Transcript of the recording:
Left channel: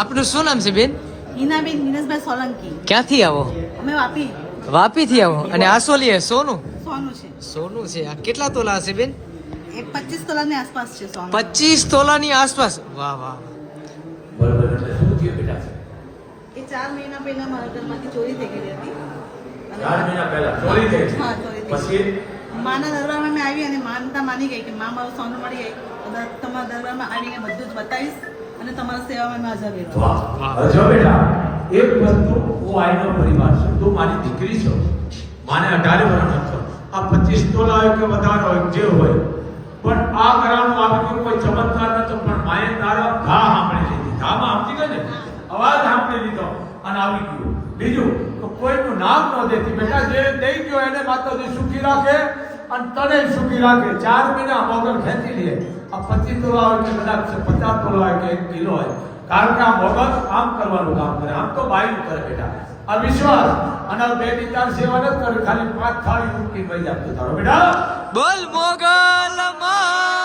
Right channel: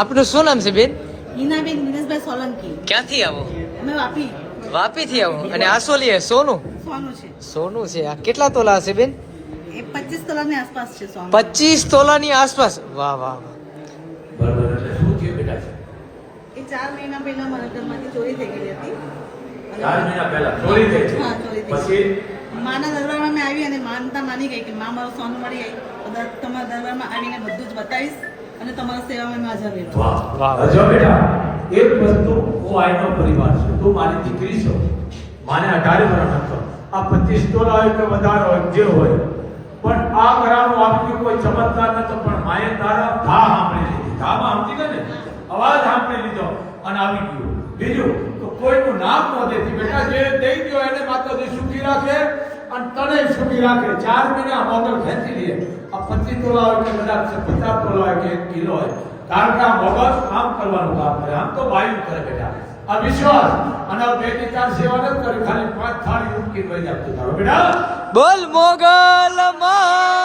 આપનું શું નામ છે બેન? હિનાબેન દિનેશભાઈ સોલંકી. ક્યાંથી આવો? અમે વાપી. વાપી થી આવો. અને આ શું લે? સોનું? સોનું છે. સોનું છે. આ કેટલા તોલા હશે બેન? એ 25 તોલાની આસપાસ છે સોનું. 25 તોલાની આસપાસ. વાહ વાહ. બરોબર. શું થયું બેટા? એ 4 મહિના પહેલા મારા ઘરમાંથી ચોરી થઈ ગઈ હતી. 4 મહિના પહેલા ચોરી થઈ છે. હા, ચોરી થઈ. પછી માના દરબારમાં મેં આવી અને માનતા માની ગઈ કે માં મારું સોનું મળી જાય તો તમારા દરબારમાં આવીને બધું જ બતાવીશ અને તમારી સેવામાં મેં હાજર રહેવા. વાહ. વાહ. જો બેટા, એક વસ્તુ હું આઈનો પરિવાર છું. તું મારી દીકરી છો. માને 18 વર્ષ હતો. આ 25 તોલા હોય કે વધારે હોય જે હોય, પણ આ ઘરાણું આપણી કોઈ ચમત્કાર નતો, પણ માએ તારા ઘા સાંભળી લીધી. ઘામાં સાંભળી ગયો ને, અવાજ સાંભળી લીધો અને આવી ગયું. બીજું તો કોઈનું નામ ન દેતી. બેટા, જે દઈ ગયો એને માતાજી સુખી રાખે અને તને સુખી રાખે. 4 મહિના મોગલ ખેંચી લે. આ 25 તોલા હોય કે કદાચ 50 તોલા હોય કે 1 કિલો હોય, કારણ કે આ મોગલ આમ કરવાનું કામ કરે. આમ તો બાયું કરે બેટા. આ વિશ્વાસ અને 2 થી 4 સેવા નથી કરી, ખાલી 5 થાળી ઉઠી વહી આપતો તારો બેટા. બોલ મોગલ માં.